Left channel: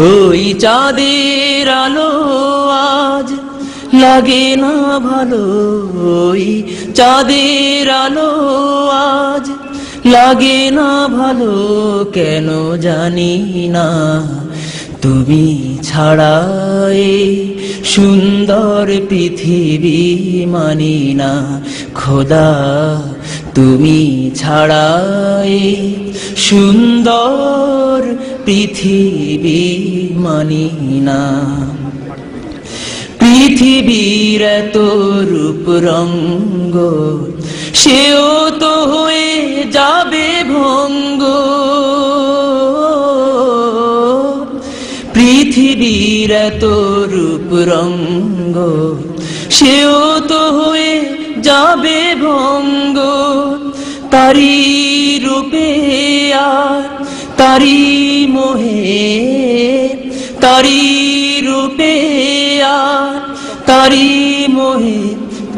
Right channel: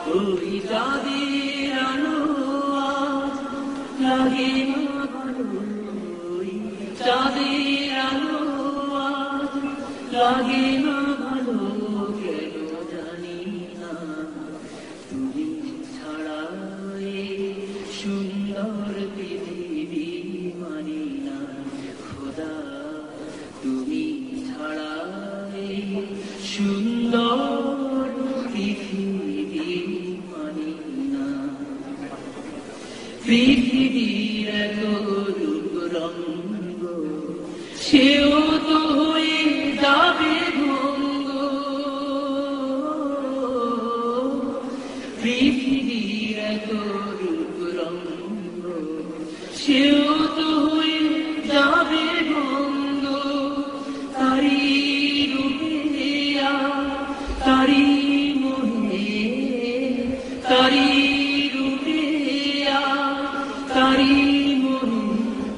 ওই চাঁদের আলো আজ লাগে না ভালো, ওই চাঁদের আলো আজ লাগে না ভালো, কেন জানি না। তুমি ছাড়া এই সুন্দর পৃথিবী মানি না খোদা, তুমি ছাড়া এই সুন্দর পৃথিবী মানি না। পৃথিবীর এত রূপ রঙ্গ, সেও তো হয়ে যাবে ভঙ্গ। পৃথিবীর এত রূপ রঙ্গ, সেও তো হয়ে যাবে ভঙ্গ। তারি রূপে আর তারি মোহে, তারি রূপে আর তারি মোহে,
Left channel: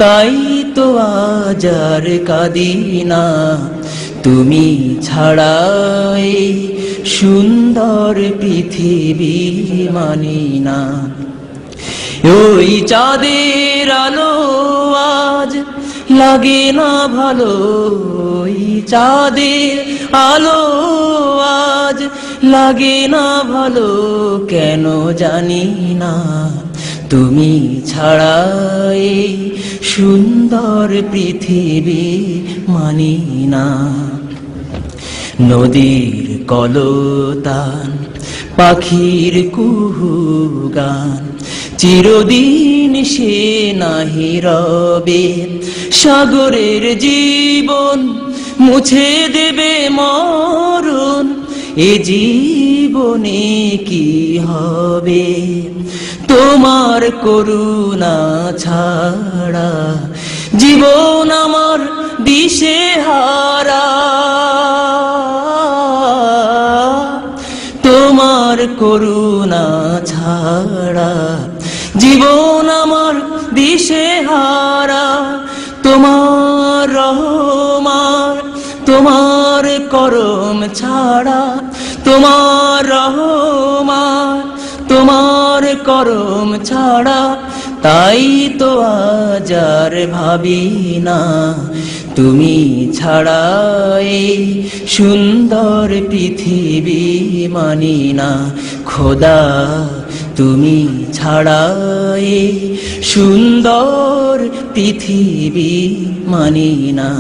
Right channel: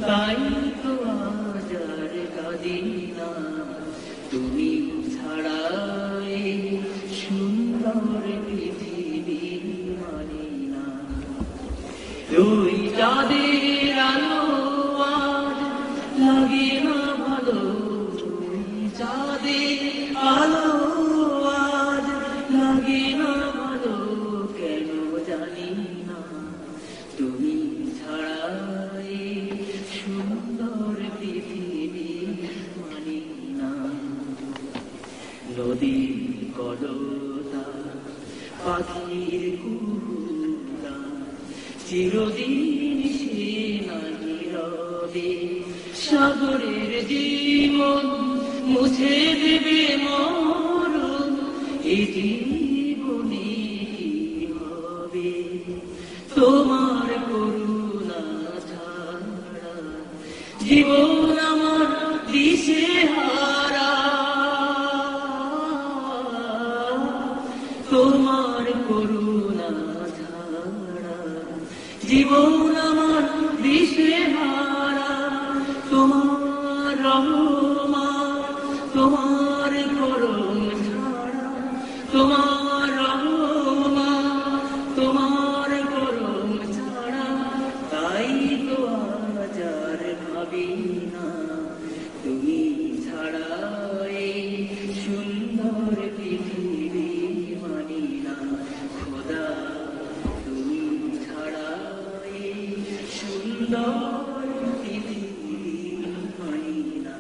তাই তো আজ আর কাঁদি না। তুমি ছাড়া এই সুন্দর পৃথিবী মানি না। ওই চাঁদের আলো আজ লাগে না ভালো, ওই চাঁদের আলো আজ লাগে না ভালো, কেন জানি না। তুমি ছাড়া এই সুন্দর পৃথিবী মানি না। নদীর কলতান, পাখির কুহু গান, চিরদিন সে নাহি রবে। সাগরের জীবন মুছে দেবে মরণ, এ জীবনে কি হবে। তোমার করুণা ছাড়া জীবন আমার দিশেহারা, তোমার করুণা ছাড়া জীবন আমার দিশেহারা। তোমার রহমান, তোমার করম ছাড়া, তোমার রহমান, তোমার করম ছাড়া, তাই তো আজ আর ভাবি না। তুমি ছাড়া এই সুন্দর পৃথিবী মানি না খোদা, তুমি ছাড়া এই সুন্দর পৃথিবী মানি না।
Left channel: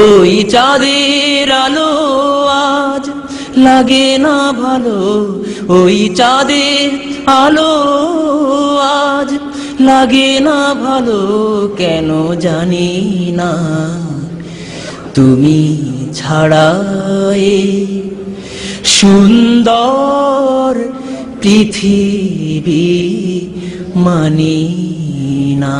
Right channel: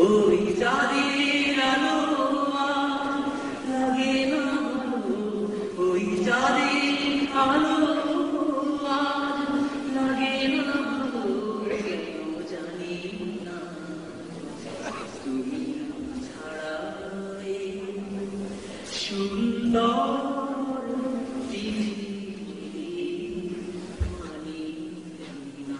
ওই চাঁদের আলো আজ লাগে না ভালো, ওই চাঁদের আলো আজ লাগে না ভালো, কেন জানি না। তুমি ছাড়া এই সুন্দর পৃথিবী মানি না।